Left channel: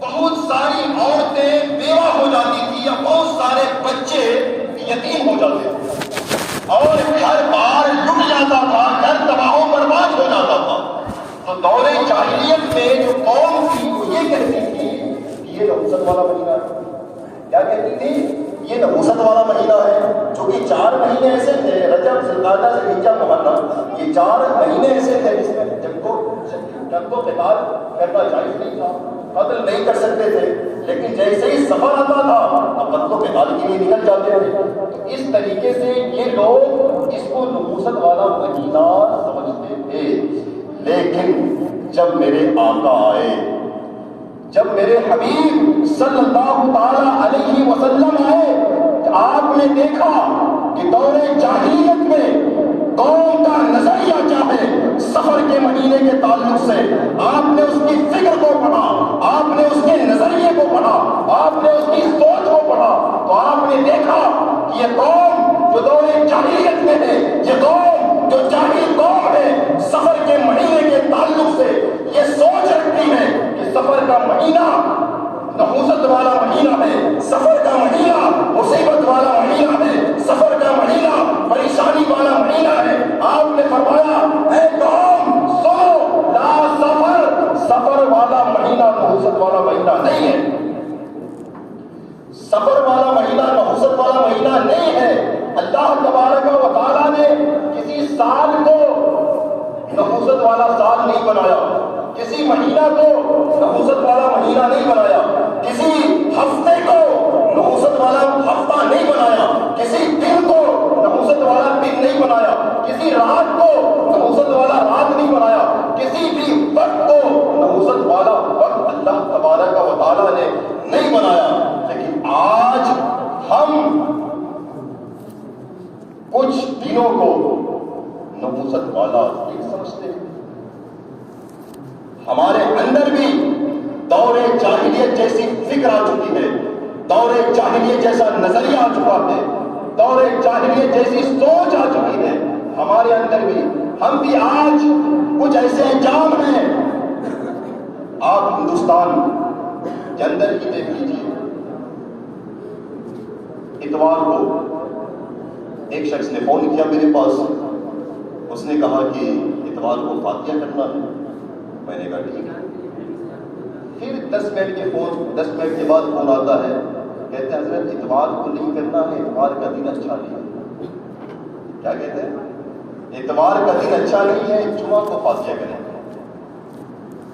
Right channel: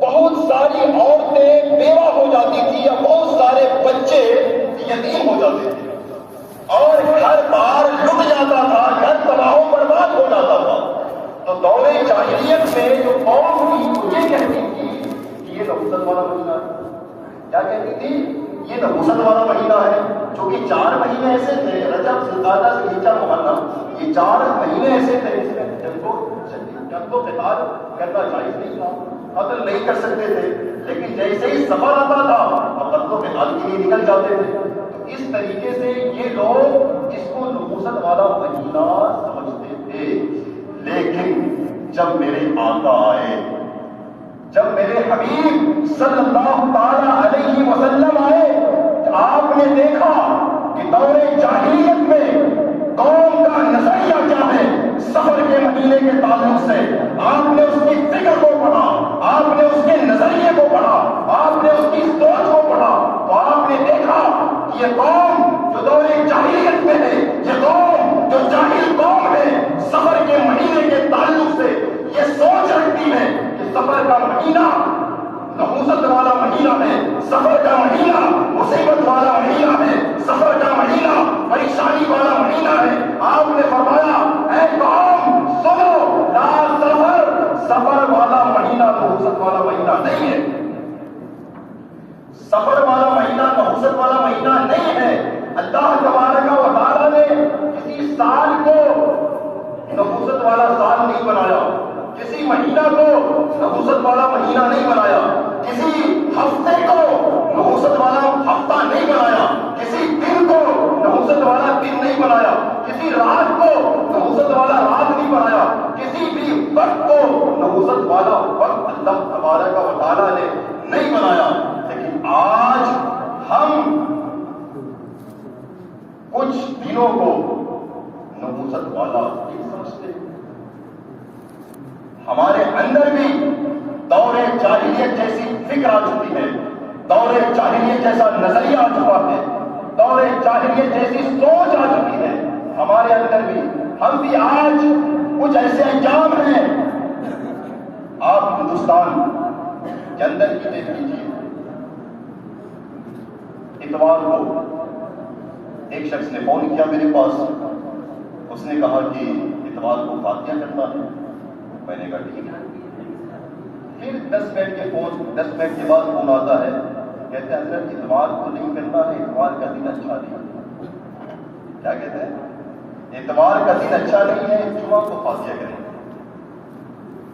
بہت ساری عورتیں بیوہ ہو جاتی تھی یا بہت سارے بچے یتیم ہو جاتے تھے اور گھر بار لٹ جاتا تھا، گھر تباہ و برباد ہو جاتا تھا. تو دور جاہلیت میں جو قوم تھی وہ یہ کہتی تھی کہ یہ نحوست والا مہینہ ہے. کیا کہتی تھی؟ یہ نحوست والا مہینہ ہے. چونکہ 4 مہینے ایسے تھے، رجب، ذوالقعدہ، ذوالحجہ، محرم، یہ 4 مہینے ایسے تھے جس میں جنگ و قتال کرنا جائز نہیں تھا، قتل نہیں کر سکتے تھے. لیکن جیسے ہی سفر آتا تھا اب قتل و قتال کے لیے نکل جاتے تھے. تو اس طریقے سے یہ لوگ اس کو نحوست والا مہینہ سمجھتے تھے. لیکن جب میرے آقا آئے، جب میرے حبیب صلی اللہ تعالی علیہ وسلم آئے، آپ نے دیکھا کہ دور جاہلیت میں قوم کا نظریہ کیا ہے سفر کے مہینے کے تعلق سے. آپ نے اس کی فکر کو پڑھا، آپ نے اس کے نظریے کو پڑھا، آپ نے اس کی سوچ کو پڑھا، تو آپ نے دیکھا کہ یہ قوم جو دور جاہلیت میں ہے، یہ قوم جو جاہل قوم ہے، سفر کے مہینے کے تعلق سے یہ سوچ رکھتی ہے کہ سفر کا مہینہ نحوست والا مہینہ ہے، سفر کا مہینہ مصیبت والا مہینہ ہے، سفر کا مہینہ پریشانی والا مہینہ ہے. آپ نے فرمایا اے قوم سنو، لا سفر والا مہینہ نحوست والا مہینہ نہیں ہے. سفر والا مہینہ نحوست والا مہینہ نہیں ہے. اللہ تبارک و تعالیٰ نے کسی سال کو نحوست والا سال نہیں بنایا، کسی مہینہ کو نحوست والا مہینہ نہیں بنایا، کسی ہفتے کو نحوست والا ہفتہ نہیں بنایا، کسی دن کو نحوست والا دن نہیں بنایا، کسی رات کو نحوست والا رات نہیں بنایا، کسی بھی وقت کو نحوست والا وقت اللہ تبارک و تعالیٰ نے نہیں بنایا. لیکن آج ہم کچھ دنوں کو نحوست والا دن سمجھتے ہیں. ہمارے اندر بھی دور جاہلیت جیسی فکر آ چکی ہے، دور جاہلیت جیسا نظریہ آ چکا ہے، دور جاہلیت جیسی سوچ آ چکی ہے ہمارے اندر بھی. ہم بھی آج کچھ ایسے انجام ہیں. آپ ہندوستان کے اندر کی دیکھ لیجیے. اتوار کو ایک شخص نے فون کیا میرے پاس، اس نے کہا کہ اتوار کو فاتحہ کرنا ہے. میں نے کہا ٹھیک ہے. پھر 10 منٹ کے بعد فون آتا ہے، کہتے ہیں حضرت اتوار کو نہیں کرنا ہے، اتوار کا دن اچھا نہیں ہے. کیا کہتے ہیں؟ اتوار کا دن اچھا نہیں ہے، جمعہ کو فاتحہ کریں.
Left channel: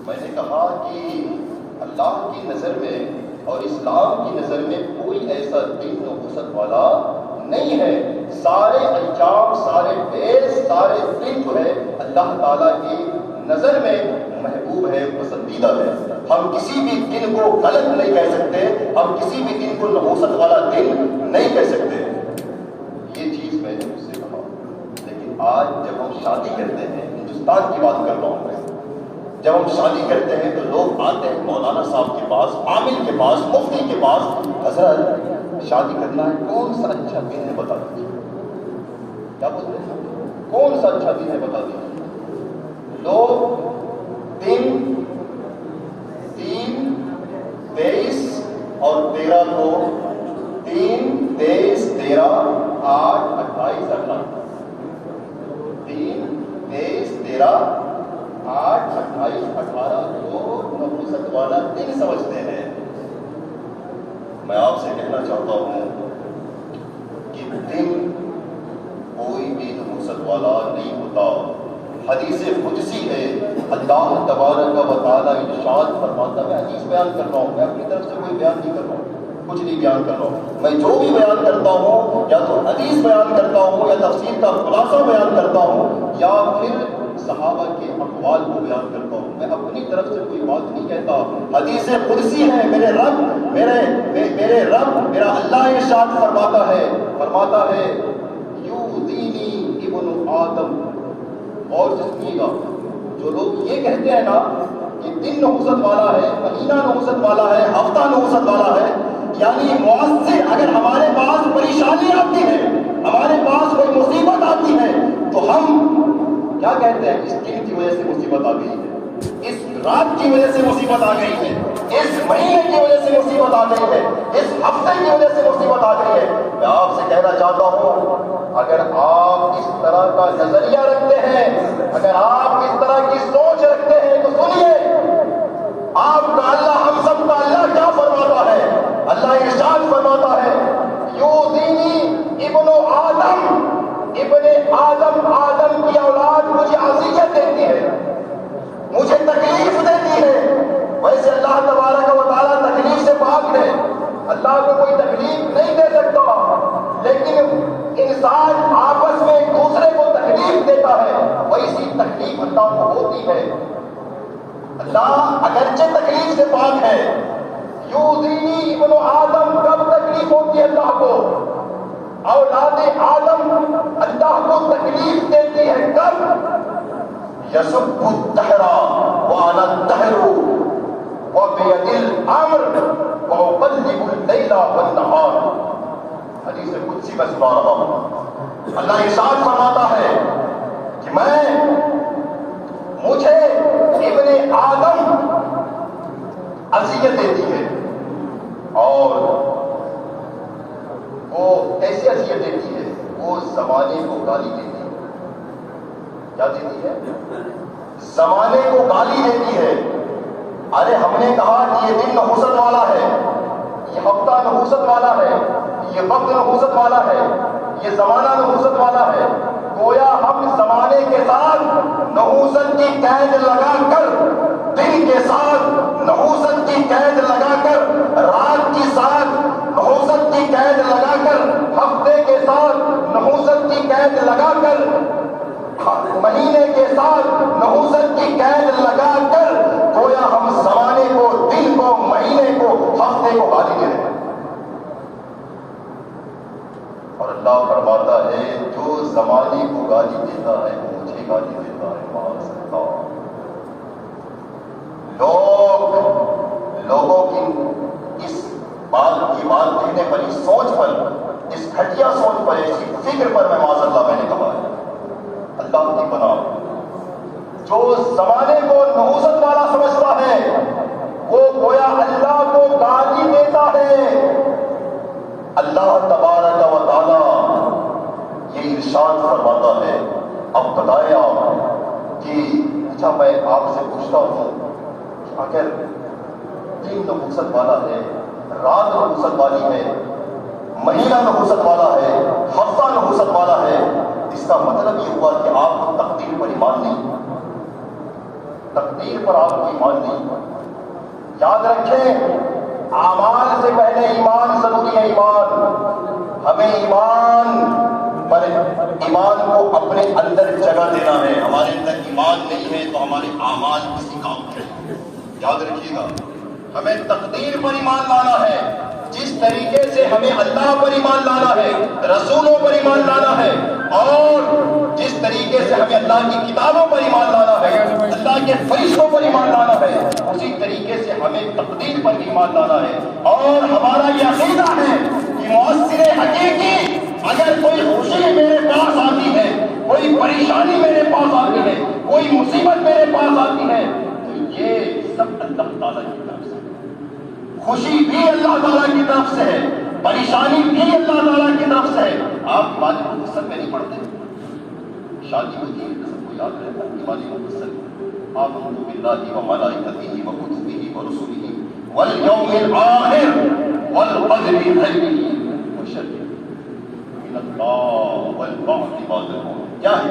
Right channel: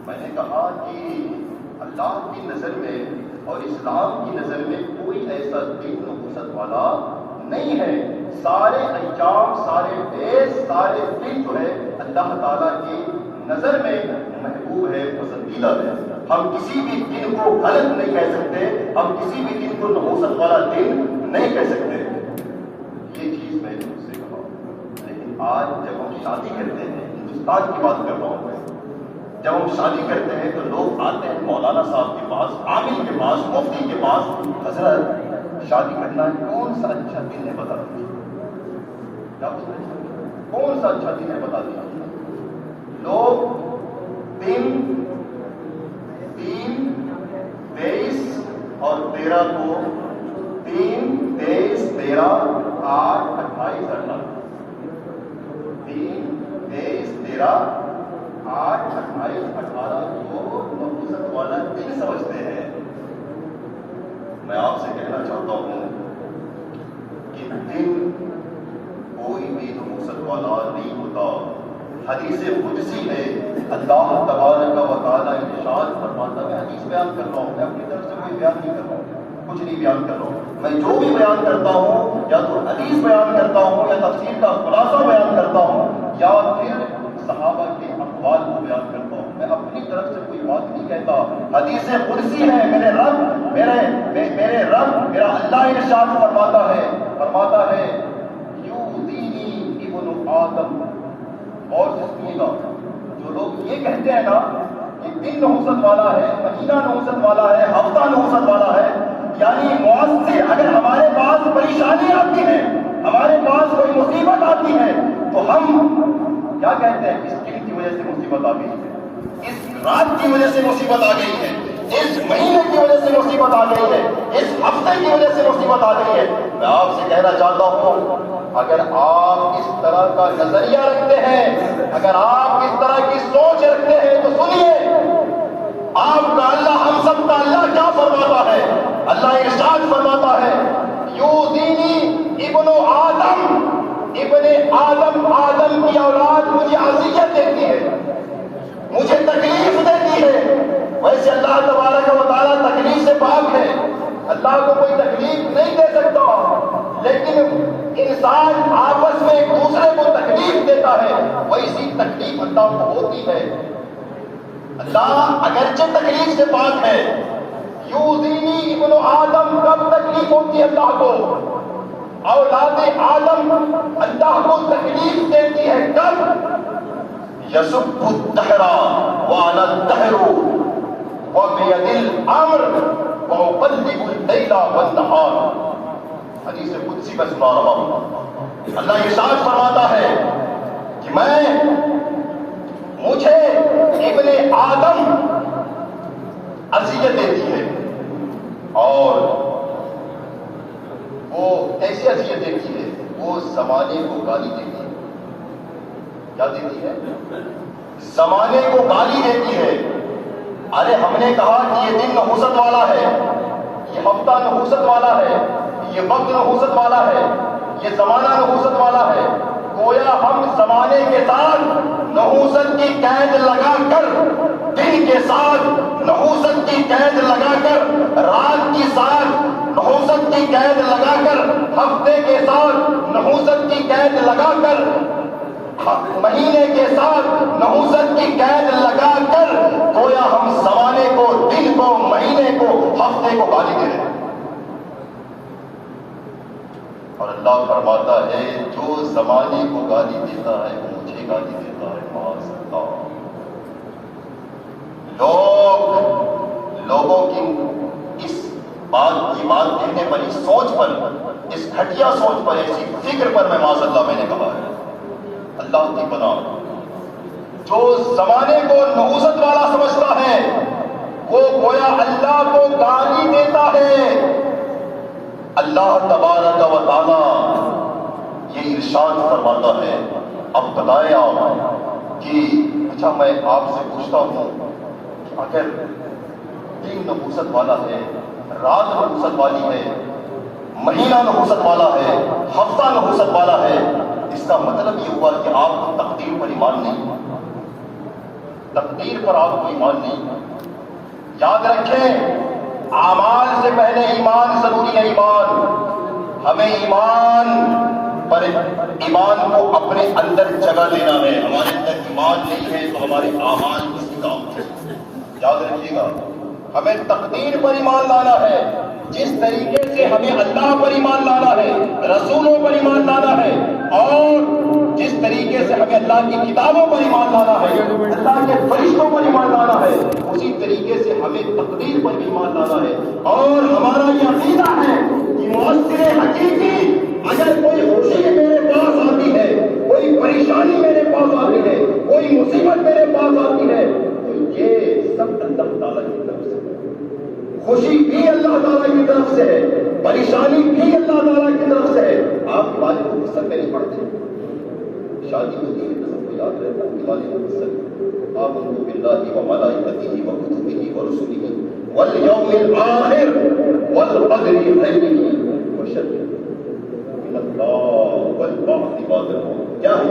میں نے کہا کہ اللہ کی نظر میں اور اسلام کی نظر میں کوئی ایسا دن نحوست والا نہیں ہے. سارے انجام، سارے فیض، سارے دن جو ہے اللہ تعالیٰ کی نظر میں محبوب ہے، پسندیدہ ہے. ہم کسی بھی دن کو غلط نہیں کہہ سکتے، ہم کسی بھی دن کو نحوست والا دن نہیں کہہ سکتے. یہ چیز میں نے اس سے کہا. لیکن آج جب ہم شادی کرتے ہیں، ہندوستان کی بات کر رہا ہوں میں، جب ہم شادی کرتے ہیں تو لوگ آتے ہیں مولانا صاحب کے پاس، عامل کے پاس، مفتی کے پاس، حضرت شادی کرنا ہے، کون سا اچھا دن ہے بتا دیجیے. کیا بولتے ہیں؟ کون سا اچھا دن ہے بتا دیجیے. لوگ دن 3، 23 اور 13 کو 3، 23، 13، 8، 28، 18 3، 23، 13، 8، 28، 18 کو نحوست والا دن سمجھتے ہیں. میں آپ سے کہنا چاہتا ہوں کہ دن کوئی بھی نحوست والا نہیں ہوتا. حدیث قدسی ہے، اللہ تبارک و تعالیٰ ارشاد فرماتا ہے. میں حدیث بیان کر رہا ہوں، میں اپنی طرف سے کوئی بیان نہیں کر رہا ہوں، کچھ نہیں بیان کر رہا ہوں. میں جو بھی بیان کرتا ہوں یا تو حدیث بیان کرتا ہوں یا تفسیر کا خلاصہ بیان کرتا ہوں یا پھر صحابہ کے اقوال کو بیان کرتا ہوں. میں اپنی طرف سے کوئی بات نہیں کہتا. حدیث قدسی ہے، میرے رب میرا اللہ ارشاد فرماتا ہے یؤذینی ابن آدم. اور سنیے گا، جو لوگ یہ کہتے ہیں نا کہ دن نحوست والا ہے، مہینہ نحوست والا ہے، ہفتہ نحوست والا ہے، یعنی مؤثر اگر ہمارے پاس پریشانی آتی ہے، ہمارے پاس کوئی مصیبت آتی ہے تو ہم کیا کہتے ہیں؟ اس دن کی وجہ سے مصیبت آ گئی ہے، اس رات کی وجہ سے مصیبت آ گئی ہے. اس مہینے کی وجہ سے مصیبت آ گئی ہے، اس ہفتے کی وجہ سے مصیبت آ گئی ہے، میں آپ سے کہنا چاہتا ہوں اگر آپ اس طرح کا نظریہ رکھتے ہیں، اگر آپ اس طرح کی سوچ رکھتے ہیں تو سنیے آپ کا اللہ، ہم سب کا اللہ کیا فرماتا ہے؟ اللہ ارشاد فرماتا ہے یؤذینی ابن آدم، ابن آدم، آدم کی اولاد مجھے اذیت دیتی ہے، مجھے تکلیف دیتی ہے۔ ویسے اللہ تبارک و تعالیٰ تکلیف سے پاک ہے، اللہ کو کوئی تکلیف نہیں دے سکتا، لیکن انسان آپس میں ایک دوسرے کو تکلیف دیتا ہے، ویسی تکلیف اللہ کو ہوتی ہے۔ اللہ اگرچہ تکلیف سے پاک ہے، یؤذینی ابن آدم، کب تکلیف ہوتی ہے اللہ کو؟ اولاد آدم اللہ کو تکلیف دیتی ہے کب؟ یسب الدہر وانا الدہر وبید الامر واقلب اللیل والنہار، حدیث قدسی میں سنا رہا ہوں۔ اللہ ارشاد فرماتا ہے کہ مجھے ابن آدم اذیت دیتی ہے، اور وہ ایسی اذیت دیتی ہے، وہ زمانے کو گالی دیتی ہے۔ کیا دیتی ہے؟ زمانے کو گالی دیتی ہے۔ ارے ہم نے کہا کہ یہ دن نحوست والا ہے، یہ ہفتہ نحوست والا ہے، یہ وقت نحوست والا ہے، یہ زمانہ نحوست والا ہے، گویا ہم زمانے کے ساتھ نحوست کی قید لگا کر، دن کے ساتھ نحوست کی قید لگا کر، رات کے ساتھ نحوست کی قید لگا کر، ہفتے کے ساتھ نحوست کی قید لگا کر، مہینے کے ساتھ نحوست کی قید لگا کر، گویا ہم زمانے کو، دن کو، مہینے کو، ہفتے کو گالی دے رہے ہیں۔ اور اللہ فرماتا ہے جو زمانے کو گالی دیتا ہے وہ مجھے گالی دیتا ہے۔ معاذ اللہ۔ لوگوں کی اس بات کہنے پر، اس سوچ پر، اس گھٹیا سوچ پر، ایسی فکر پر میں معاذ اللہ میں نے کہا ہے اللہ کی پناہ، جو زمانے کو نحوست والا سمجھتا ہے وہ گویا اللہ کو گالی دیتا ہے۔ اللہ تبارک و تعالی یہ ارشاد فرماتا ہے۔ اب بتائیں آپ کہ اچھا میں آپ سے پوچھتا ہوں کہ اگر دن نحوست والا ہے، رات نحوست والی ہے، مہینہ نحوست والا ہے، ہفتہ نحوست والا ہے، اس کا مطلب یہ ہوا کہ آپ کو تقدیر پر ایمان نہیں، تقدیر پر آپ کو ایمان نہیں۔ یاد رکھیں اعمال سے پہلے ایمان ضروری ہے۔ ایمان، ہمیں ایمان کو اپنے اندر جگہ دینا ہے۔ ہمارے اندر ایمان نہیں ہے تو ہمارے اعمال کسی کام کے نہیں۔ یاد رکھیے گا ہمیں تقدیر پر ایمان لانا ہے، جس طریقے سے ہمیں اللہ پر ایمان لانا ہے، رسولوں پر ایمان لانا ہے، اور جس طریقے سے ہمیں اللہ کی کتابوں پر ایمان لانا ہے، اللہ کے فرشتوں پر ایمان لانا ہے، اسی طریقے سے ہمیں تقدیر پر ایمان لانا ہے۔ اور ہمارا یہ عقیدہ ہے کہ مؤثر حقیقی اگر کوئی خوشی میرے پاس آتی ہے، کوئی پریشانی میرے پاس آتی ہے، کوئی مصیبت میرے پاس آتی ہے، تو یہ سب اللہ تعالیٰ کی طرف سے، خوشی بھی اللہ تعالیٰ کی طرف سے ہے، پریشانی بھی اللہ تعالیٰ کی طرف سے ہے۔ آپ نماز مفصل میں نہیں پڑھتے، شادی ہوتی ہے تو سب کو یاد رہتا ہے نماز مفصل، آمنت باللہ وملائکتہ وکتبہ ورسلہ والیوم الآخر والقدر خیرہ وشرہ من اللہ والبعث بعد الموت۔ کیا ہے؟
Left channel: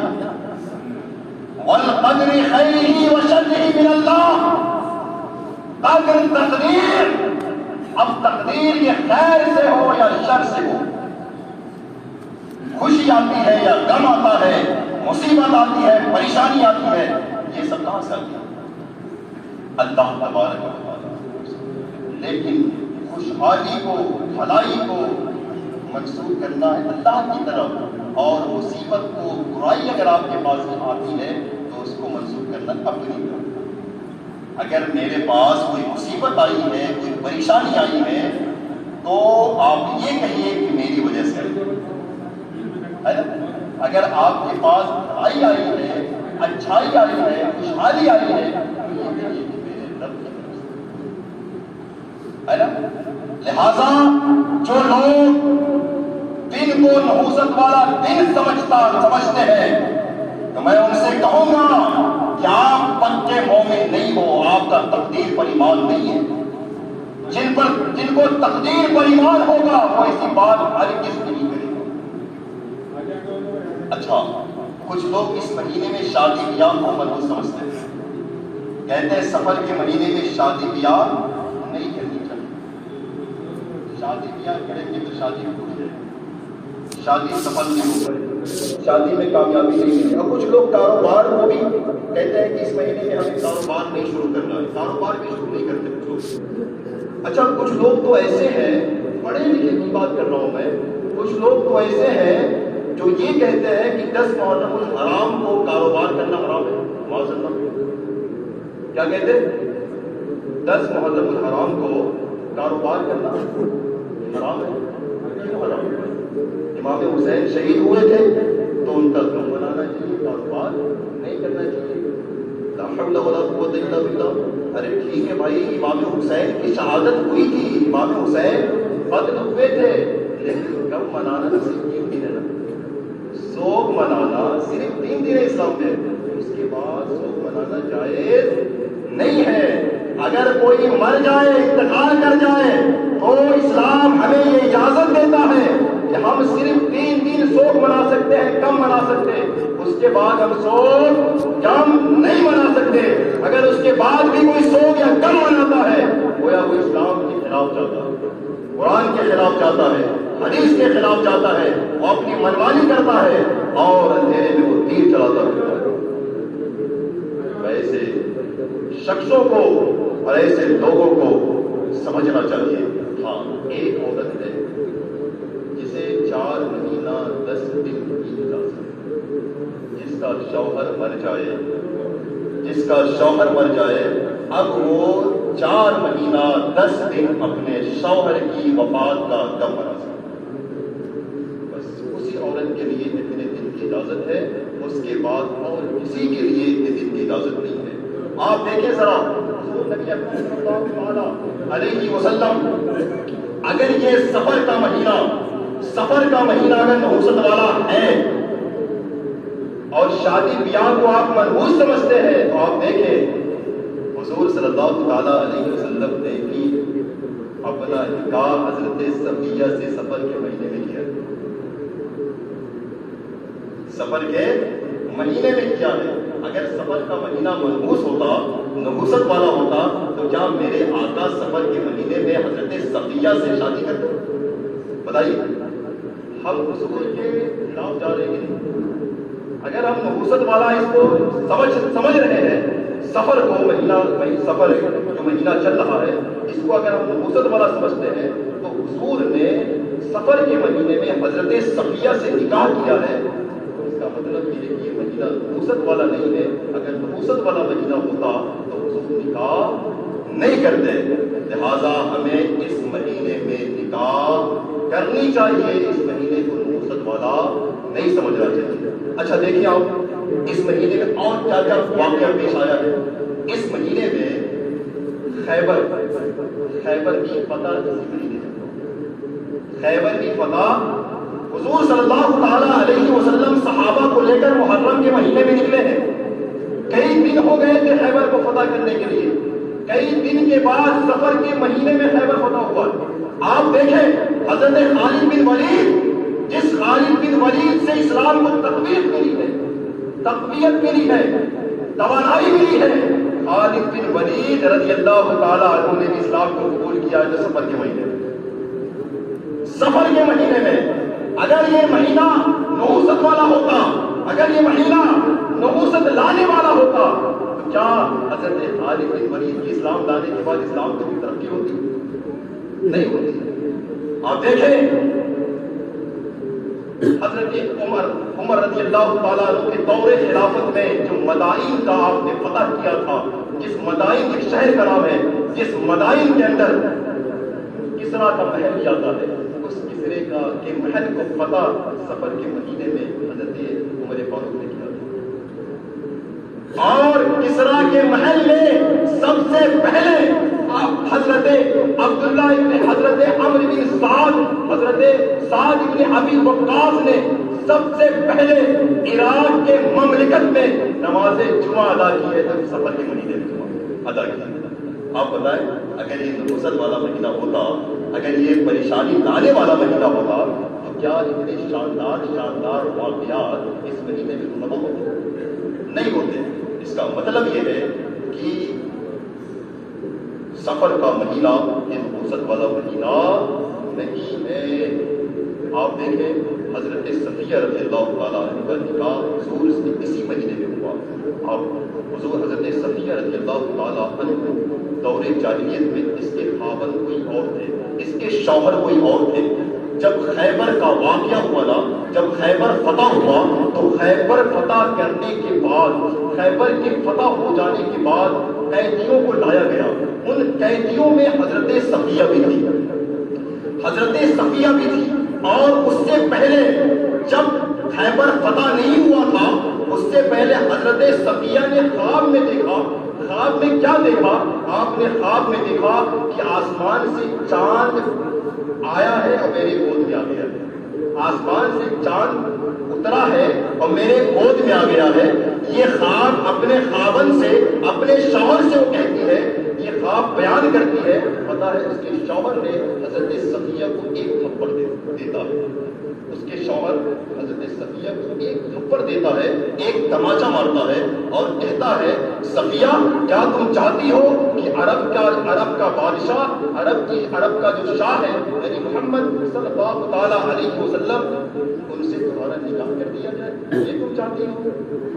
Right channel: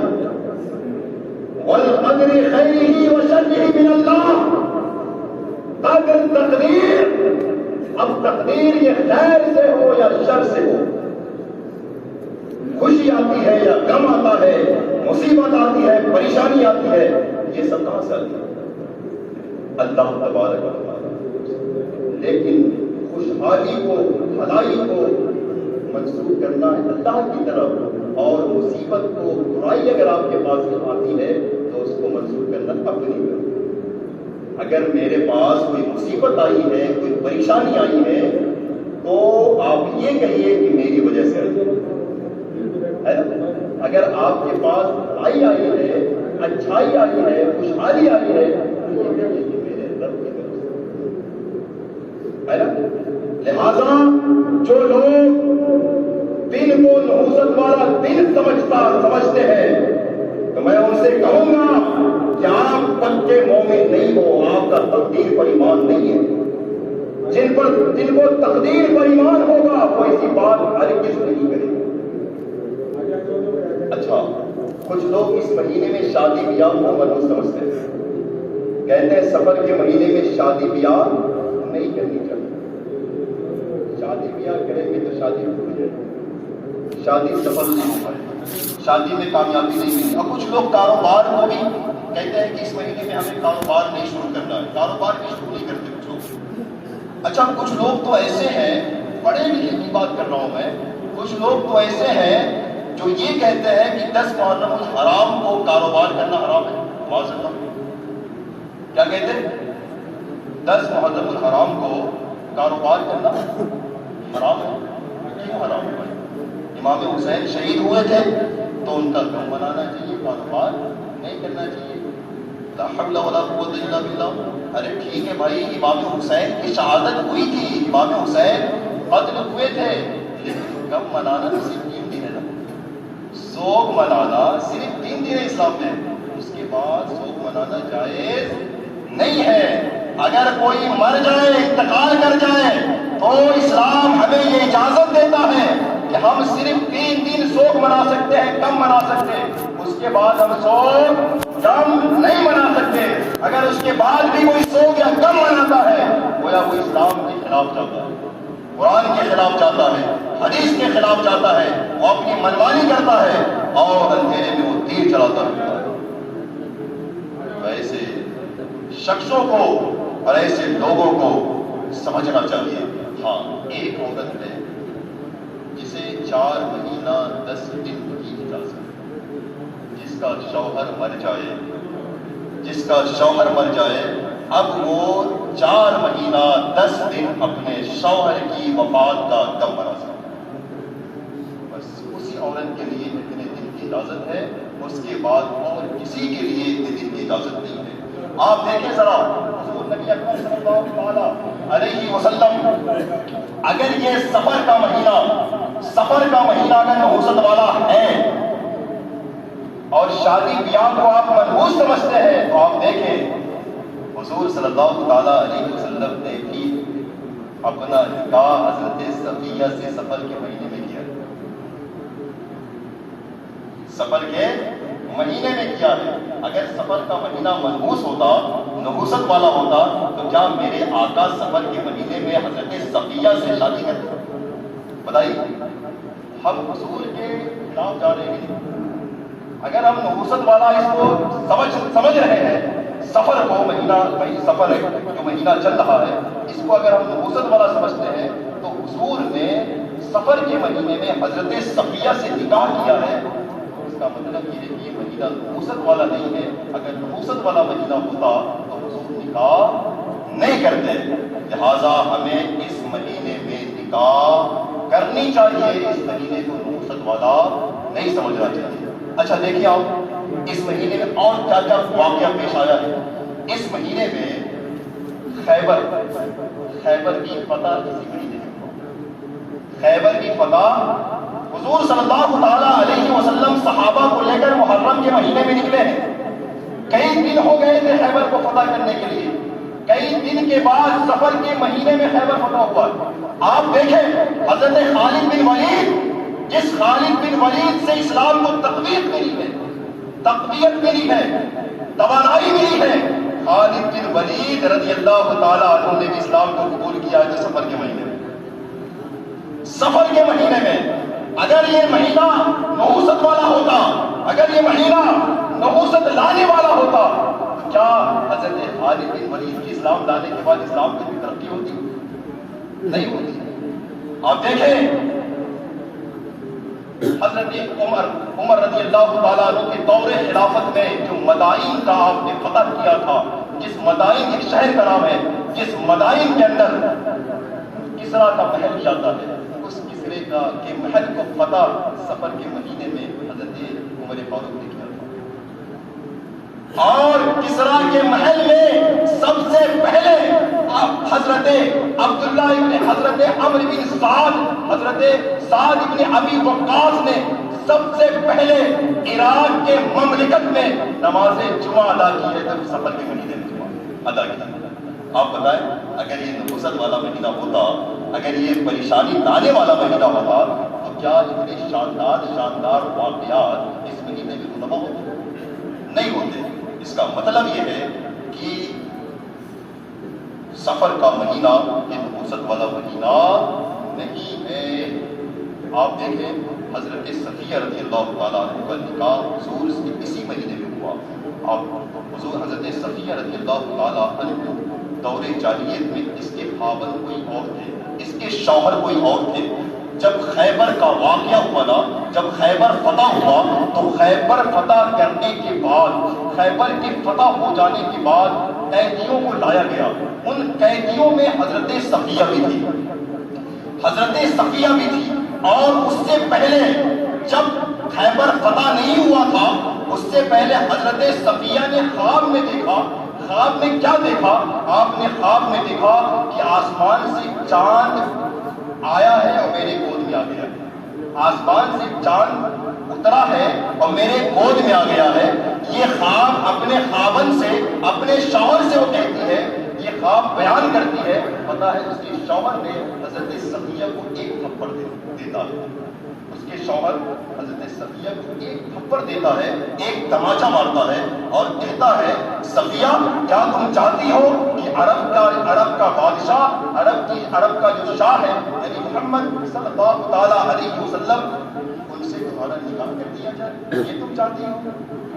والقدر خیرہ وشرہ من اللہ، قدر تقدیر۔ اب تقدیر یہ خیر سے ہو یا شر سے ہو، خوشی آتی ہے یا غم آتا ہے، مصیبت آتی ہے، پریشانی آتی ہے، یہ سب کہاں سے آتی ہے؟ اللہ تبارک و تعالی۔ لیکن خوشحالی کو، بھلائی کو منسوخ کرنا ہے اللہ کی طرف، اور مصیبت کو، برائی اگر آپ کے پاس آتی ہے تو اس کو منسوخ کرنا اپنی طرف۔ اگر میرے پاس کوئی مصیبت آئی ہے، کوئی پریشانی آئی ہے، تو آپ یہ کہیے کہ میری وجہ سے ہے نا؟ اگر آپ کے پاس بھلائی آئی ہے، اچھائی آئی ہے، خوشحالی آئی ہے، تو یہ کہیے کہ میرے رب کی طرف سے۔ ہے نا؟ لہذا جو لوگ دن کو نحوست والا دن سمجھتے ہیں تو میں ان سے کہوں گا کہ آپ پکے مومن نہیں ہو، آپ کا تقدیر پر ایمان نہیں ہے۔ جن کو تقدیر پر ایمان ہوگا وہ ایسی بات ہرگز نہیں کرے۔ اچھا، کچھ لوگ اس مہینے میں شادی بیاہ کو منحوس سمجھتے ہیں، کہتے ہیں سفر کے مہینے میں شادی بیاہ نہیں کرنی چاہیے، شادی بیاہ کریں گے تو شادی ٹوٹ جائے گی، شادی سفل نہیں ہو پائے، شادی میں کامیابی نہیں ملے۔ اور کچھ لوگ کاروبار کو بھی کہتے ہیں کہ اس مہینے میں ہمیں کاروبار نہیں شروع کرنا ہے، کاروبار بھی شروع نہیں کرتے کچھ لوگ۔ اچھا، کچھ لوگ تو ایسے ہیں، پڑھے لکھے کی بات کر رہا ہوں میں، کچھ لوگ تو ایسے ہیں جو یہ کہتے ہیں کہ 10 محرم الحرام کو کاروبار کرنا حرام ہے۔ معاذ اللہ، کیا کہتے ہیں؟ 10 محرم الحرام کو کاروبار کرنا حرام ہے۔ کیوں حرام ہے؟ امام حسین شہید ہوئے تھے تو ان کا غم منانا چاہیے، کاروبار نہیں کرنا چاہیے۔ لا حول ولا قوت الا باللہ۔ ارے ٹھیک ہے بھائی، امام حسین کی شہادت ہوئی تھی، امام حسین قتل ہوئے تھے، لیکن غم منانا تو صرف 3 دن ہے نا، سوگ منانا صرف 3 دن ہے اسلام میں، اس کے بعد سوگ منانا جائز نہیں ہے۔ اگر کوئی مر جائے، انتقال کر جائے تو اسلام ہمیں یہ اجازت دیتا ہے کہ ہم صرف 3 دن سوگ منا سکتے ہیں، کم منا سکتے ہیں، اس کے بعد ہم سوگ کم نہیں منا سکتے۔ اگر اس کے بعد بھی کوئی سوگ یا کم مناتا ہے گویا وہ اسلام کے خلاف جاتا ہے، قرآن کے خلاف جاتا ہے، حدیث کے خلاف جاتا ہے، وہ اپنی منمانی کرتا ہے اور اندھیرے میں وہ تیر چلاتا ہے۔ ایسے شخصوں کو اور ایسے لوگوں کو سمجھنا چاہیے۔ ہاں، ایک عورت ہے جسے 4 مہینہ 10 دن کی اجازت، جس کا شوہر مر جائے، اب وہ 4 مہینہ 10 دن اپنے شوہر کی وفات کا غم منا سکتا ہے۔ بس اسی عورت کے لیے اتنے دن کی اجازت ہے، اس کے بعد اور کسی کے لیے اتنے دن کی اجازت نہیں ہے۔ آپ دیکھیں ذرا حضور نبی اکرم صلی اللہ علیہ وسلم، اگر یہ سفر کا مہینہ اگر نحوست والا ہے اور شادی بیاہ کو آپ منحوس سمجھتے ہیں تو آپ دیکھیں حضور صلی اللہ تعالیٰ علیہ وسلم نے بھی اپنا نکاح حضرت صفیہ سے سفر کے مہینے میں کیا، سفر کے مہینے میں کیا ہے۔ اگر سفر کا مہینہ منحوس ہوتا، نحوست والا ہوتا تو کیا میرے آقا سفر کے مہینے میں حضرت صفیہ سے شادی کرتے؟ بتائیے، ہم حضور کے خلاف جا رہے ہیں۔ اگر ہم نحوست والا اس کو سمجھ رہے ہیں، سفر ہے جو مہینہ چل رہا ہے، اس کو اگر ہم نحوست والا سمجھتے ہیں تو حضور نے سفر کے مہینے میں حضرت صفیہ سے نکاح کیا ہے، اس کا مطلب یہ ہے کہ یہ مہینہ نحوست والا نہیں ہے۔ اگر نحوست والا مہینہ ہوتا تو حضور نکاح نہیں کرتے، لہذا ہمیں اس مہینے میں نکاح کرنی چاہیے، اس مہینے کو نحوست والا نہیں سمجھنا چاہیے۔ اچھا دیکھیے آپ، اس مہینے میں اور کیا کیا واقعہ پیش آیا ہے۔ اس مہینے میں خیبر کی فتح کسی بڑی نہیں، خیبر کی فتح حضور صلی اللہ تعالیٰ علیہ وسلم صحابہ کو لے کر محرم کے مہینے میں نکلے ہیں، کئی دن ہو گئے تھے خیبر کو فتح کرنے کے لیے، کئی دن کے بعد سفر کے مہینے میں خیبر فتح ہوا۔ آپ دیکھیں حضرت خالد بن ولید، جس خالد بن ولید سے اسلام کو تقویت ملی ہے، توانائی ملی ہے، خالد بن ولید رضی اللہ تعالیٰ عنہ نے اسلام کو قبول کیا ہے سفر کے مہینے میں۔ سفر کے مہینے میں اگر یہ مہینہ نحوست والا ہوتا، اگر یہ مہینہ نحوست لانے والا ہوتا تو کیا حضرت خالد بن ولید کے اسلام لانے کے بعد اسلام کی ترقی ہوتی؟ نہیں ہوتی۔ آپ دیکھیں حضرت عمر رضی اللہ تعالیٰ عنہ کے دور خلافت میں جو مدائن کا آپ نے فتح کیا تھا، جس مدائن ایک شہر کا نام ہے، جس مدائن کے اندر کسریٰ کا محل جاتا ہے، اس کسرے کے محل کو فتح سفر کے مہینے میں حضرت عمر فاروق نے کیا تھا۔ اور کسرا کے محل میں سب سے پہلے حضرت عبداللہ ابن حضرت عمرو بن سعد، حضرت سعد ابن ابی وقاص نے سب سے پہلے عراق کے مملکت میں نماز جمعہ ادا کی ہے، جب سفر کے مہینے میں جمعہ ادا کی۔ آپ بتائیں اگر یہ نبوت والا مہینہ ہوتا، اگر یہ پریشانی لانے والا مہینہ ہوتا تو کیا اتنے شاندار واقعات اس مہینے میں رونما ہوتے؟ نہیں ہوتے۔ اس کا مطلب یہ ہے کہ سفر کا مہینہ یہ نبوت والا مہینہ نہیں ہے۔ آپ دیکھیں حضرت صفیہ رضی اللہ تعالیٰ عنہ کا نکاح حضور سے اسی مہینے میں ہوا۔ آپ حضور حضرت صفیہ رضی اللہ تعالیٰ عنہ دور جاہلیت میں اس کے خاوند کوئی اور تھے، اس کے شوہر کوئی اور تھے۔ جب خیبر کا واقعہ ہوا نا، جب خیبر فتح ہوا تو خیبر فتح کرنے کے بعد، خیبر کے فتح ہو جانے کے بعد قیدیوں کو لایا گیا۔ ان قیدیوں میں حضرت صفیہ بھی تھی، حضرت صفیہ بھی تھی۔ اور اس سے پہلے جب خیبر فتح نہیں ہوا تھا، اس سے پہلے حضرت صفیہ نے خواب میں دیکھا۔ خواب میں کیا دیکھا؟ آپ نے خواب میں دیکھا کہ آسمان سے چاند آیا ہے اور میرے گود میں آ گیا ہے، آسمان سے چاند اترا ہے اور میرے گود میں آ گیا ہے۔ یہ خواب اپنے خاوند سے، اپنے شوہر سے وہ کہتی ہے، یہ خواب بیان کرتی ہے۔ پتا ہے اس کے شوہر نے حضرت صفیہ کو ایک تھپڑ دیتا ہے، اس کے شوہر حضرت صفیہ کو ایک تھپڑ دیتا ہے، ایک تماچا مارتا ہے اور کہتا ہے صفیہ کیا تم چاہتی ہو کہ عرب کا بادشاہ، عرب کا جو شاہ ہے یعنی محمد صلی اللہ تعالیٰ علیہ وسلم، ان سے تمہارا نکاح کر دیا جائے، یہ تم چاہتی ہو؟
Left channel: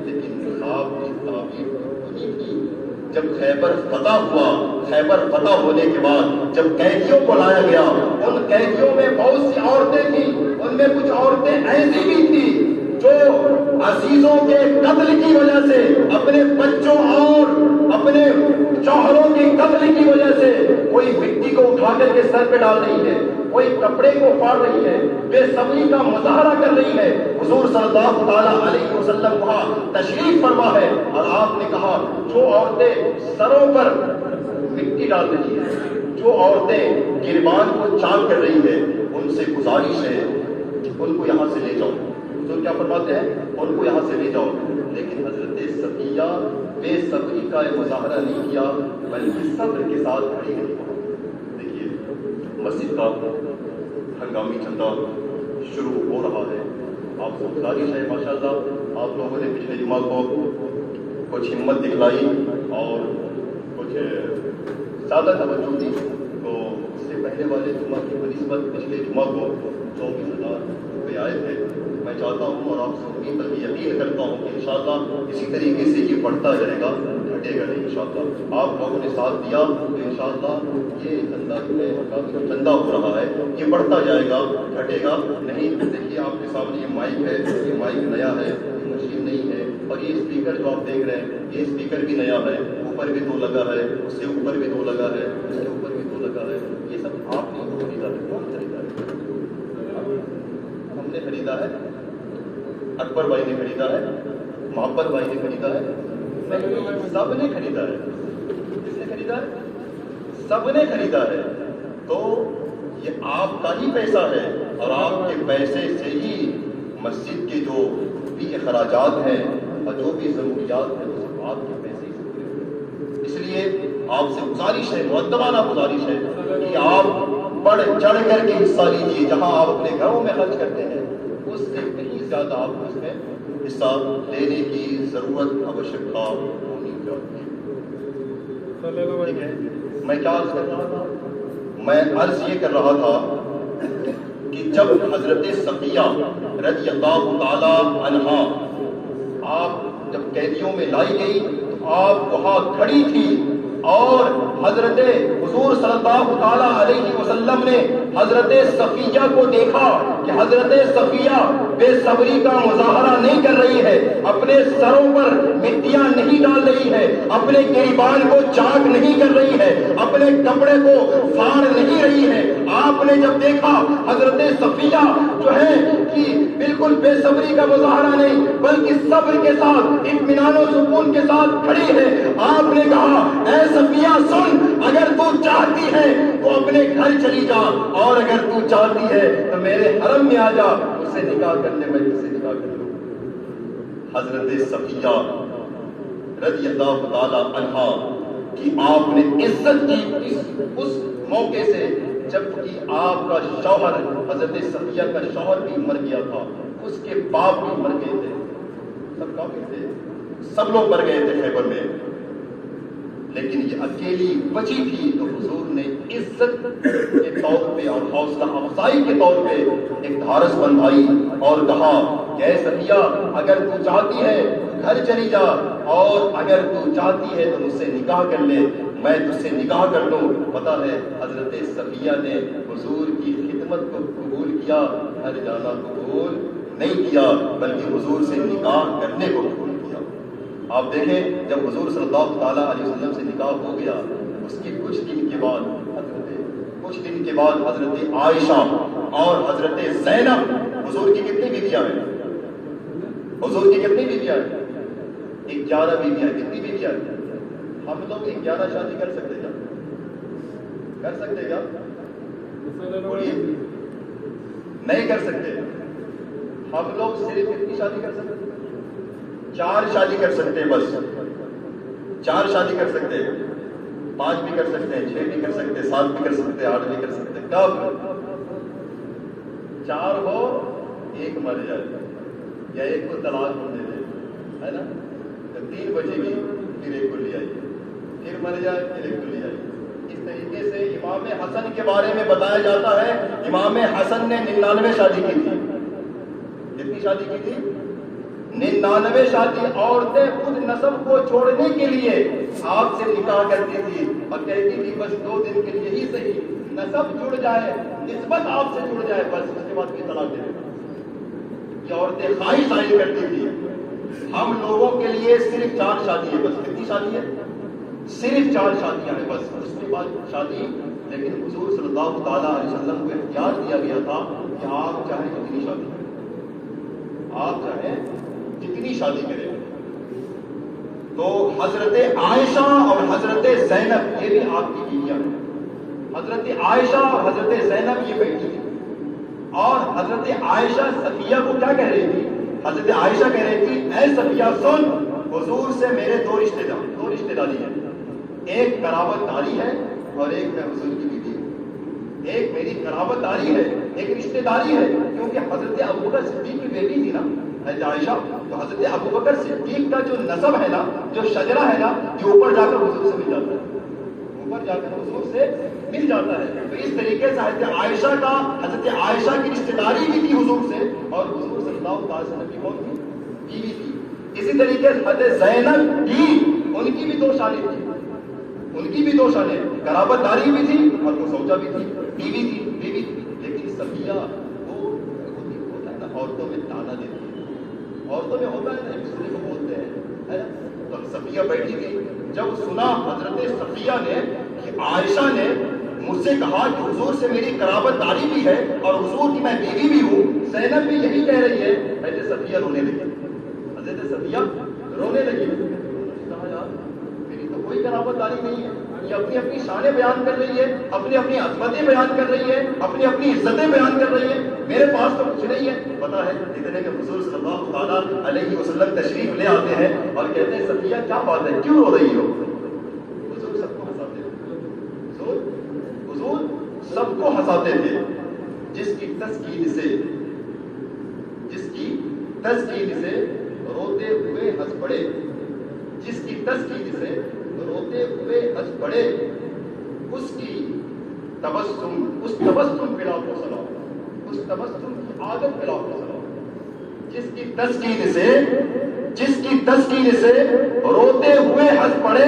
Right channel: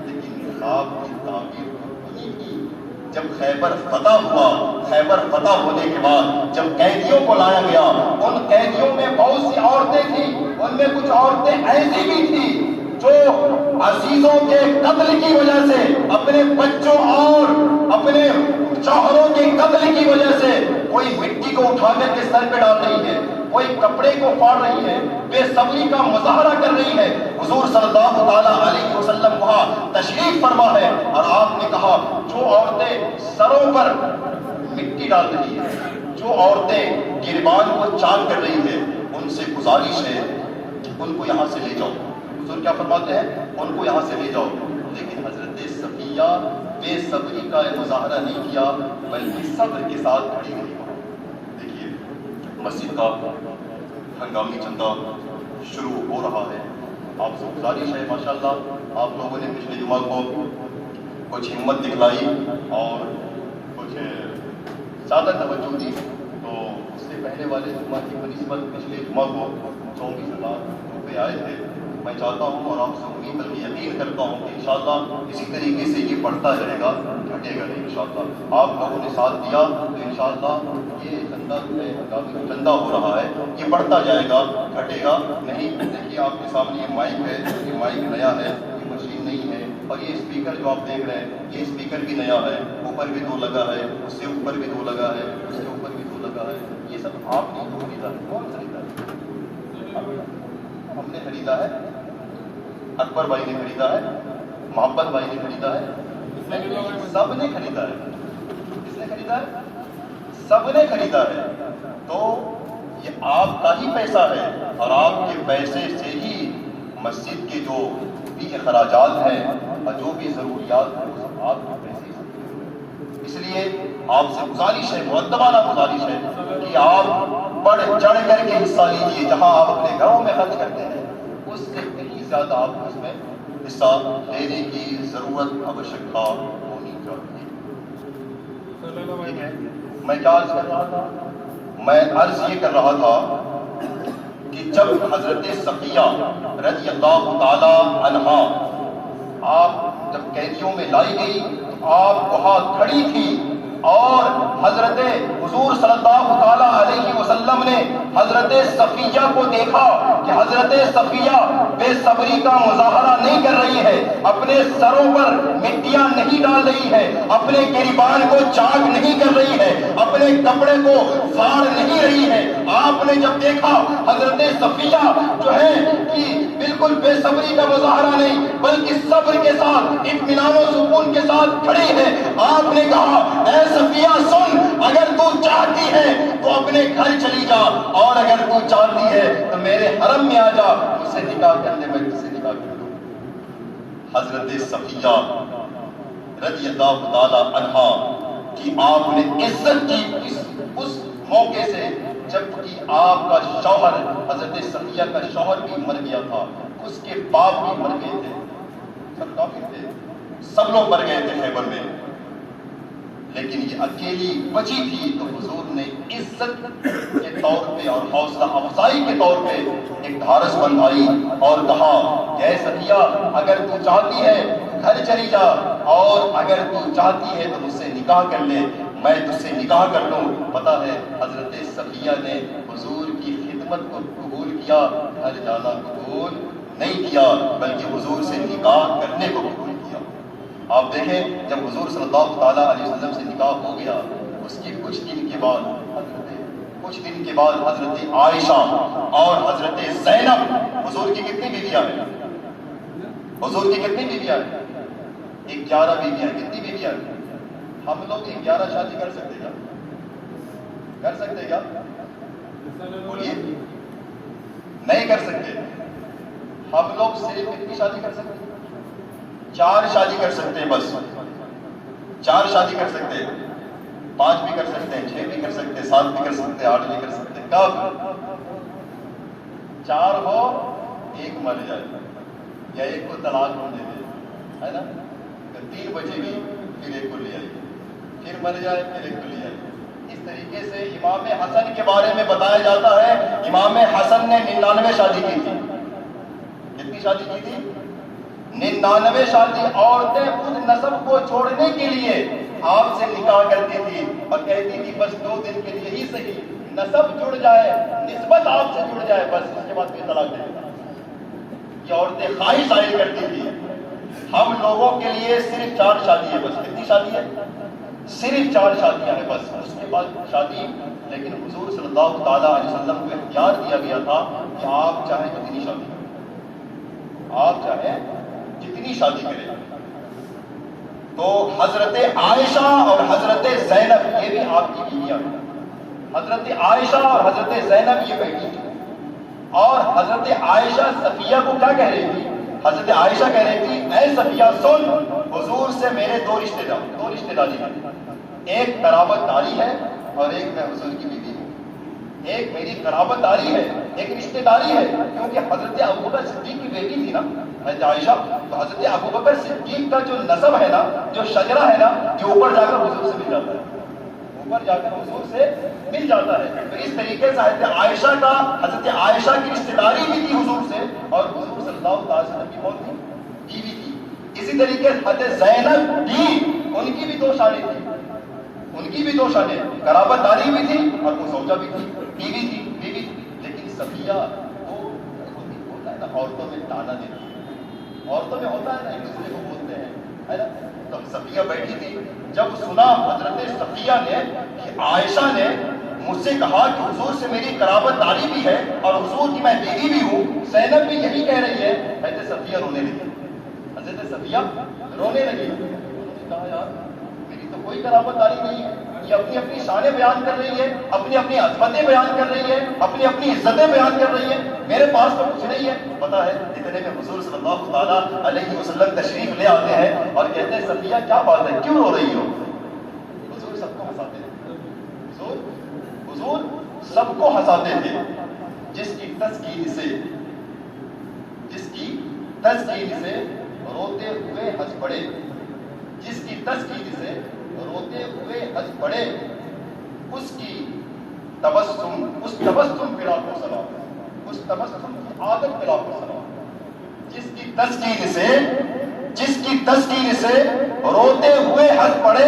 لیکن خواب کی تعبیر نہیں کی۔ جب خیبر فتح ہوا، خیبر فتح ہونے کے بعد جب قیدیوں کو لایا گیا، ان قیدیوں میں بہت سی عورتیں تھیں، ان میں کچھ عورتیں ایسی بھی تھیں جو عزیزوں کے قتل کی وجہ سے، اپنے بچوں اور اپنے شوہروں کے قتل کی وجہ سے کوئی مٹی کو اٹھا کر کے سر پہ ڈال رہی ہے، کوئی کپڑے کو پھاڑ رہی ہے، بے صبری کا مظاہرہ کر رہی ہے۔ حضور صلی اللہ تعالیٰ علیہ وسلم وہاں تشریف فرما ہے اور آپ نے کہا جو عورتیں سروں پر مٹی ڈال رہی ہیں، جو عورتیں گربان کو چاک کر رہی ہیں، ان سے گزارش ہے ان کو یہاں سے لے جاؤ۔ حضور کیا فرماتے ہیں؟ ان کو یہاں سے لے جاؤ۔ لیکن حضرت صفیہ بے صبری کا مظاہرہ نہیں کیا بلکہ صبر کے ساتھ کھڑی رہی۔ دیکھیے مسجد کا ہنگامی چندہ شروع ہو رہا ہے۔ آپ سے گزارش ہے ماشاءاللہ آپ لوگوں نے پچھلے جمعہ کو کچھ ہمت دکھلائی اور کچھ زیادہ توجہ دی، تو اس سے پہلے والے جمعہ کی بنسبت پچھلے جمعہ کو 24,000 روپے آئے تھے۔ میں چاہتا ہوں اور آپ سے امید بلکہ یقین کرتا ہوں کہ انشاءاللہ اسی طریقے سے یہ بڑھتا جائے گا، گھٹے گا نہیں انشاءاللہ۔ آپ لوگوں نے ساتھ دیا تو انشاءاللہ یہ چندہ ہو رہا ہے، یہ بڑھتا جائے گا، گھٹے گا نہیں۔ دیکھیے آپ کے سامنے یہ مائک ہے، یہ مائک نیا ہے، یہ مشین نہیں ہے، اور یہ اسپیکر جو آپ دیکھ رہے ہیں یہ اسپیکر بھی نیا ہے، اوپر بھی 2 لگا ہے، اس سے اوپر بھی 2 لگا ہے، اس سے اوپر بھی 2 لگا ہے۔ یہ سب آپ نے خریدا ہے، کون خریدا ہے؟ ہم نے خریدا ہے، اکبر بھائی نے خریدا ہے، محبت بھائی نے خریدا ہے، سب نے خریدا ہے۔ کس نے خریدا ہے؟ سب نے خریدا ہے۔ تو یہ آپ کا ہی پیسہ ہے اور آپ کے پیسے سے ہی مسجد کے جو بھی اخراجات ہیں اور جو بھی ضروریات ہیں وہ سب آپ کے پیسے سے۔ اس لیے آپ سے گزارش ہے، مؤدبانہ گزارش ہے کہ آپ بڑھ چڑھ کر کے حصہ لیجیے۔ جہاں آپ اپنے گھروں میں خرچ کرتے ہیں اس سے کہیں زیادہ آپ کو اس میں حصہ لینے کی ضرورت آوشکتا ہونی چاہیے۔ میں کیا عرض کر رہا تھا؟ میں عرض یہ کر رہا تھا کہ جب حضرت صفیہ رضی اللہ تعالی عنہا آپ جب قیدیوں میں لائی گئی تو آپ وہاں کھڑی تھی اور حضرت حضور صلی اللہ تعالیٰ علیہ وسلم نے حضرت صفیہ کو دیکھا کہ حضرت صفیہ بے صبری کا مظاہرہ نہیں کر رہی ہے، اپنے سروں پر مٹیاں نہیں ڈال رہی ہے، اپنے گریبان کو چاک نہیں کر رہی ہے، اپنے کپڑے کو پھاڑ نہیں رہی ہے، آپ نے جب دیکھا حضرت صفیہ جو ہے کہ بالکل بے صبری کا مظاہرہ نہیں بلکہ صبر کے ساتھ اطمینان و سکون کے ساتھ کھڑی ہے، آپ نے کہا اے صفیہ سن، اگر تو چاہتی ہے تو اپنے گھر چلی جا، اور اگر تو چاہتی ہے تو میرے حرم میں آ جا، مجھ سے نکاح کرنے میں تجھ سے نکاح کر لوں۔ حضرت صفیہ رضی اللہ تعالی عنہا کہ آپ نے عزت کی اس موقع سے جب کہ آپ کا شوہر حضرت صفیہ کا شوہر بھی مر گیا تھا، اس کے باپ بھی مر گئے تھے، سب کافی تھے، سب لوگ مر گئے تھے خیبر میں، لیکن یہ اکیلی بچی تھی تو حضور نے عزت کے طور پہ اور حوصلہ افزائی کے طور پہ ایک دھارس بندھائی اور کہا اے صفیہ اگر تو چاہتی ہے گھر چلی جا، اور اگر تو چاہتی ہے تو مجھ سے نکاح کر لے، میں تجھ سے نکاح کر لوں۔ پتہ ہے حضرت صفیہ نے حضور کی خدمت کو قبول کیا، گھر جانا قبول نہیں کیا بلکہ حضور سے نکاح کرنے کو قبول کیا۔ آپ دیکھیں جب حضور صلی اللہ تعالیٰ علیہ وسلم سے نکاح ہو گیا، اس کے کچھ دن کے بعد حضرت عائشہ اور حضرت زینب، حضور کی کتنی بیویاں ہیں؟ حضور کی کتنی بیویاں ہیں؟ 11 بیویاں۔ کتنی بیویاں ہیں؟ ہم لوگ 11 شادی کر سکتے کیا؟ کر سکتے کیا؟ بولیے، نہیں کر سکتے۔ ہم لوگ صرف کتنی شادی کر سکتے؟ 4 شادی کر سکتے ہیں، بس 4 شادی کر سکتے ہیں، 5 بھی کر سکتے ہیں، 6 بھی کر سکتے ہیں، 7 بھی کر سکتے ہیں، 8 بھی کر سکتے ہیں۔ کب 4 ہو 1 مر جائے یا 1 کو طلاق ہو دے دے، ہے نا، 3 بچے بھی پھر 1 کو لے آئی، پھر مر جائے پھر 1 کو لے آئی۔ اس طریقے سے امام حسن کے بارے میں بتایا جاتا ہے امام حسن نے 99 شادی کی تھی۔ کتنی شادی کی تھی؟ 99 شادی۔ عورتیں خود نسب کو چھوڑنے کے لیے آپ سے نکاح کرتی تھی اور کہتی تھی بس 2 دن کے لیے ہی صحیح، نسب جڑ جائے، نسبت آپ سے جڑ جائے، بس اس کے بعد پھر طلاق دے دیتا۔ یہ عورتیں خواہش ظاہر کرتی تھی۔ ہم لوگوں کے لیے صرف 4 شادی ہے، بس کتنی شادی ہے؟ صرف 4 شادیاں ہیں بس، اس کے بعد شادی۔ لیکن حضور صلی اللہ تعالیٰ علیہ وسلم کو اختیار دیا گیا تھا کہ آپ چاہیں کتنی شادی کریں، آپ چاہیں جتنی شادی کریں۔ تو حضرت عائشہ اور حضرت زینب یہ بھی آپ کی بیویاں ہیں۔ حضرت عائشہ اور حضرت زینب یہ بیٹی تھی، اور حضرت عائشہ صفیہ کو کیا کہہ رہی تھی؟ حضرت عائشہ کہہ رہی تھی اے صفیہ سن، حضور سے میرے 2 رشتے داری ہیں، ایک قرابت داری ہے اور ایک میں حضور کی بیوی ہوں۔ ایک میری قرابت داری ہے، ایک رشتے داری ہے، کیونکہ حضرت ابوبکر صدیق کی بیٹی تھی نا حضرت عائشہ، تو حضرت ابوبکر صدیق کا جو نسب ہے نا، جو شجرہ ہے نا، جو اوپر جا کر حضور سے مل جاتا ہے، اوپر جا کر حضور سے مل جاتا ہے۔ تو اس طریقے سے حضرت عائشہ کی رشتے داری بھی تھی حضور سے، اور حضور صلی اللہ علیہ وسلم کی کون تھی؟ بیوی تھی۔ اسی طریقے سے حضرت زینب بھی، ان کی بھی 2 شادی تھی، ان کی بھی 2 شادی، قرابت داری بھی تھی اور وہ زوجہ بھی تھی، بیوی تھی۔ لیکن صفیہ وہ ہوتا ہے نا، عورتوں میں تانا دیتی ہے، عورتوں میں ہوتا ہے نا، ایک دوسرے کو بولتے ہیں، ہے نا۔ تو صفیہ بیٹھی تھی، جب سنا حضرت صفیہ نے کہ عائشہ نے مجھ سے کہا کہ حضور سے میری قرابت داری بھی ہے اور حضور کی میں بیوی بھی ہوں، زینب بھی یہی کہہ رہی ہے، حضرت صفیہ رونے لگی، حضرت صفیہ رونے لگی۔ کہا یار میری تو کوئی قرابت داری نہیں ہے، یہ اپنی اپنی شانیں بیان کر رہی ہے، اپنی اپنی عظمتیں بیان کر رہی ہے، اپنی اپنی عزتیں بیان کر رہی ہے، میرے پاس تو کچھ نہیں ہے۔ پتا ہے اتنے میں حضور صلی اللہ تعالیٰ علیہ وسلم تشریف لے آتے ہیں اور کہتے ہیں صفیہ کیا بات ہے، کیوں رو رہی ہو؟ حضور سب کو ہنساتے تھے، حضور سب کو ہنساتے تھے۔ جس کی تسکین سے روتے ہوئے ہنس پڑے، جس کی تسکین سے روتے ہوئے ہنس پڑے، اس کی تبسم پہ لاکھوں سلام، اس تبسم کی عادت پہ لاکھوں سلام۔ جس کی تسکین سے روتے ہوئے ہنس پڑے،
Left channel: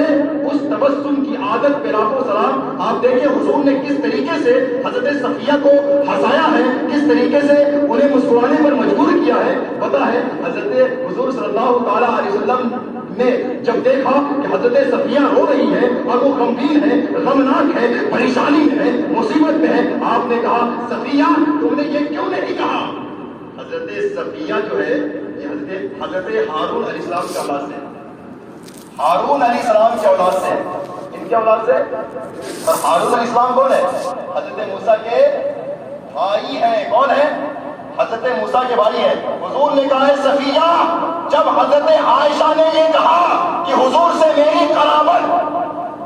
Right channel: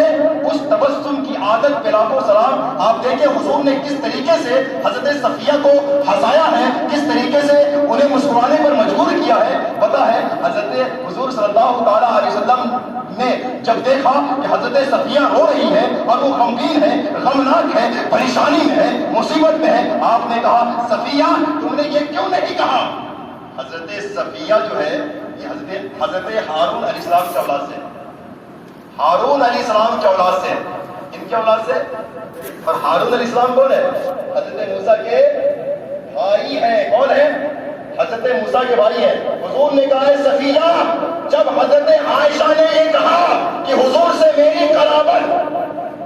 اس تبسم کی عادت پہ لاکھوں سلام۔ آپ دیکھیں حضور نے کس طریقے سے حضرت صفیہ کو ہنسایا ہے، کس طریقے سے انہیں مسکرانے پر مجبور کیا ہے۔ پتا ہے حضرت حضور صلی اللہ تعالیٰ علیہ وسلم نے جب دیکھا کہ حضرت صفیہ رو رہی ہے اور وہ غمگین ہے، غمناک ہے، پریشانی میں ہے، مصیبت میں ہے، آپ نے صفیہ تم نے یہ کیوں نہیں کہا؟ حضرت صفیہ جو ہے یہ حضرت ہارون علیہ السلام کی اولاد سے، ہارون علیہ السلام کی اولاد سے، ان کی اولاد سے. اور ہارون علیہ السلام کون ہے؟ حضرت موسیٰ کے بھائی ہیں. کون ہے؟ حضرت موسیٰ کے بھائی ہیں. حضور نے کہا ہے صفیہ، جب حضرت عائشہ نے یہ کہا کہ حضور سے میری قرابت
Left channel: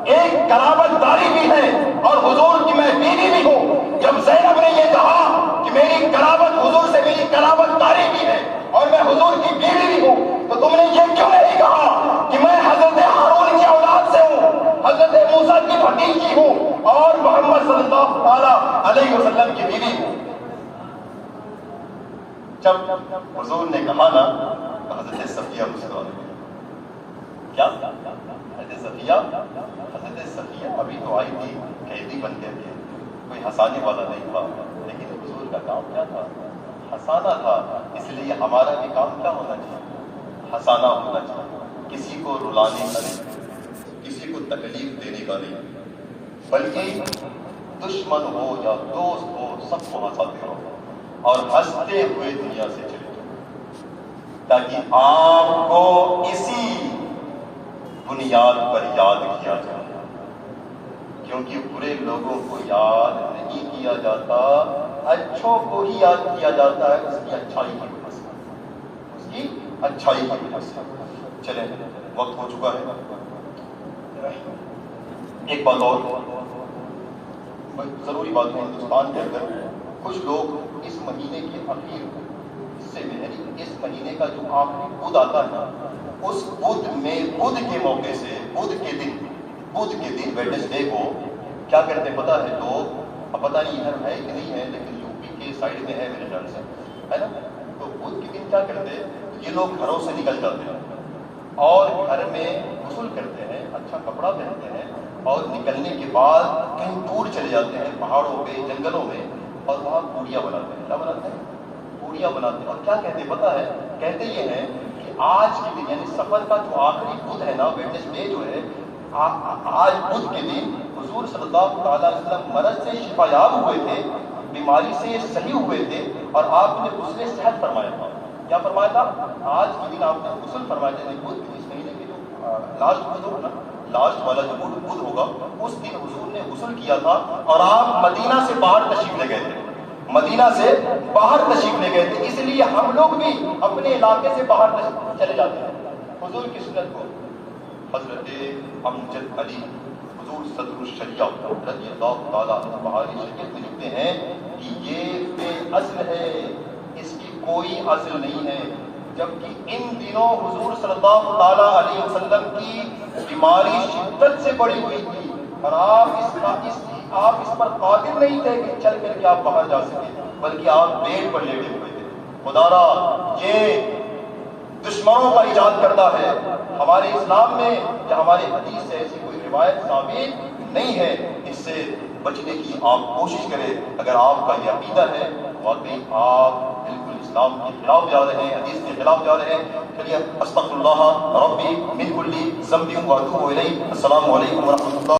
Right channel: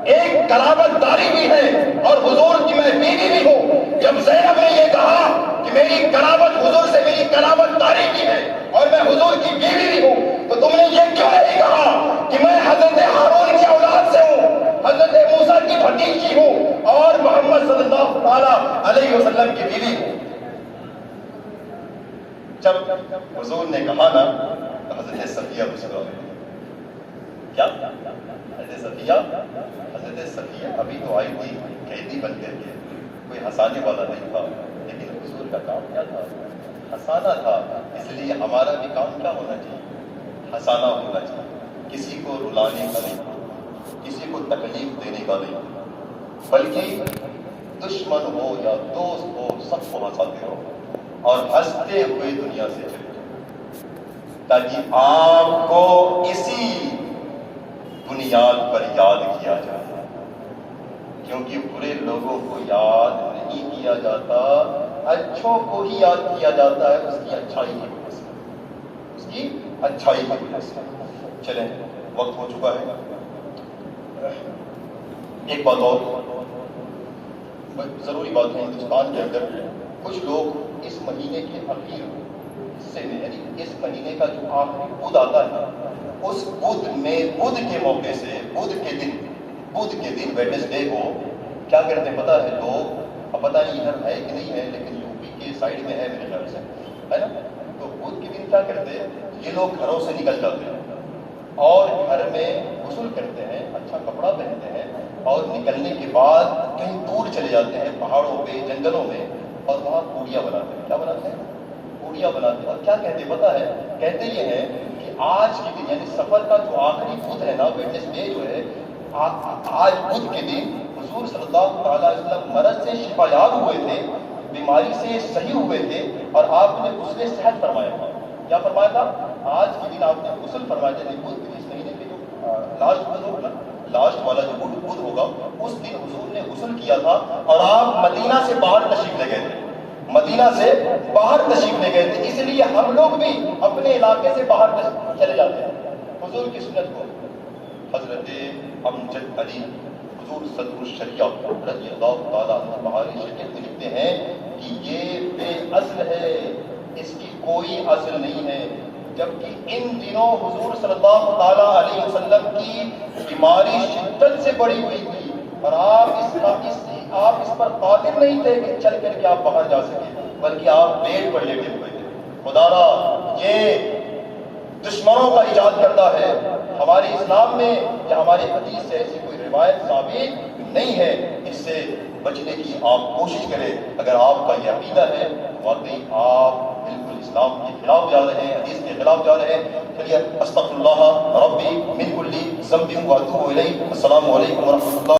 ایک قرابت داری بھی ہے اور حضور کی میں بیوی بھی ہوں، جب زینب نے یہ کہا کہ میری قرابت حضور سے میری قرابت داری بھی ہے اور میں حضور کی بیوی بھی ہوں، تو تم نے یہ کیوں نہیں کہا کہ میں حضرت ہارون کی اولاد سے ہوں، حضرت موسیٰ کی بھتیجی ہوں اور محمد صلی اللہ تعالیٰ علیہ وسلم کی بیوی ہوں؟ جب حضور نے کہا نا تو حضرت صفیہ مسکرا گئی. کیا حضرت صفیہ ابھی تو آئی تھی قیدی بن کر کے، کوئی ہنسانے والا نہیں تھا، لیکن حضور کا کام کیا تھا؟ ہنسانا تھا. اس لیے ہمارا بھی کام کیا ہونا چاہیے؟ ہنسانا ہونا چاہیے. کسی کو رلانے کا نہیں، کسی کو تکلیف دینے کا نہیں، بلکہ دشمن ہو یا دوست ہو سب کو ہنساتے رہو اور ہنستے ہوئے دنیا سے چلے جاؤ، تاکہ آپ کو اسی بنیاد پر یاد کیا جائے. کیونکہ برے لوگوں کو یاد نہیں کیا جاتا، اچھوں کو ہی یاد کیا جاتا ہے، اس کی اچھائی کی وجہ سے، اس کی اچھائی کی وجہ سے. چلیں وقت ہو چکا ہے. ایک بات اور ضروری بات ہے، ہندوستان کے اندر کچھ لوگ اس مہینے کے اخیر حصے میں، یعنی اس مہینے کا جو آخری بدھ آتا ہے، اس بدھ میں بدھ کے موقع سے بدھ کے دن ویڈنسڈے کو کیا کرتے ہیں پتہ ہے لوگ؟ اب پتہ نہیں ادھر ہے کہ نہیں ہے، لیکن یو پی کے سائڈ میں ہے میرے خیال سے، ہے نا. تو بدھ کے دن کیا کرتے ہیں یہ لوگ گھروں سے نکل جاتے ہیں اور گھر میں غسل کرتے ہیں، اچھا کپڑا پہنتے ہیں اور نکلنے کے بعد کہیں دور چلے جاتے ہیں پہاڑوں پہ، جنگلوں میں، اور وہاں پوڑیاں بناتے ہیں. کیا بناتے ہیں؟ پوڑیاں بناتے ہیں. اور کیا کہتے ہیں پتہ ہے؟ کہتے یہ ہیں کہ آج کے دن یعنی سفر کا جو آخری بدھ ہے نا، ویڈنسڈے جو ہے، آج بدھ کے دن حضور صلی اللہ تعالیٰ علیہ وسلم مرض سے شفا یاب ہوئے تھے، بیماری سے صحیح ہوئے تھے، اور آپ نے غسل صحت فرمایا تھا. کیا فرمایا تھا؟ آج کے دن آپ نے غسل فرمایا تھا. بدھ کے اس مہینے کے جو لاسٹ بدھ ہوگا نا، لاسٹ والا جو بدھ ہوگا، اس دن حضور نے غسل کیا تھا اور آپ مدینہ سے باہر تشریف لے گئے تھے. مدینہ سے باہر تشریف لے گئے تھے. اس لیے ہم لوگ بھی اپنے علاقے سے باہر چلے جاتے ہیں. حضور کی سنت کو حضرت امجد علی حضور صدر الشریعہ رضی اللہ تعالیٰ عنہ بہاری شریعت میں لکھتے ہیں کہ یہ بے اصل ہے، اس کی کوئی اصل نہیں ہے. جبکہ ان دنوں حضور صلی اللہ تعالیٰ علیہ وسلم کی بیماری شدت سے بڑھی ہوئی تھی اور آپ اس پر قادر نہیں تھے کہ چل کر کے آپ باہر جا سکیں، بلکہ آپ بیڈ پر لیٹے ہوئے تھے. خدا را یہ دشمنوں کا ایجاد کرتا ہے. ہمارے اسلام میں یا ہمارے حدیث سے ایسی کوئی روایت ثابت نہیں ہے. اس سے بچنے کی آپ کوشش کریں. اگر آپ کا یہ عقیدہ ہے واقعی آپ بالکل اسلام کے خلاف جا رہے ہیں، حدیث کے خلاف جا رہے ہیں. چلیے استغفر اللہ ربی من کل ذنب واتوب الیہ. السلام علیکم ورحمۃ اللہ.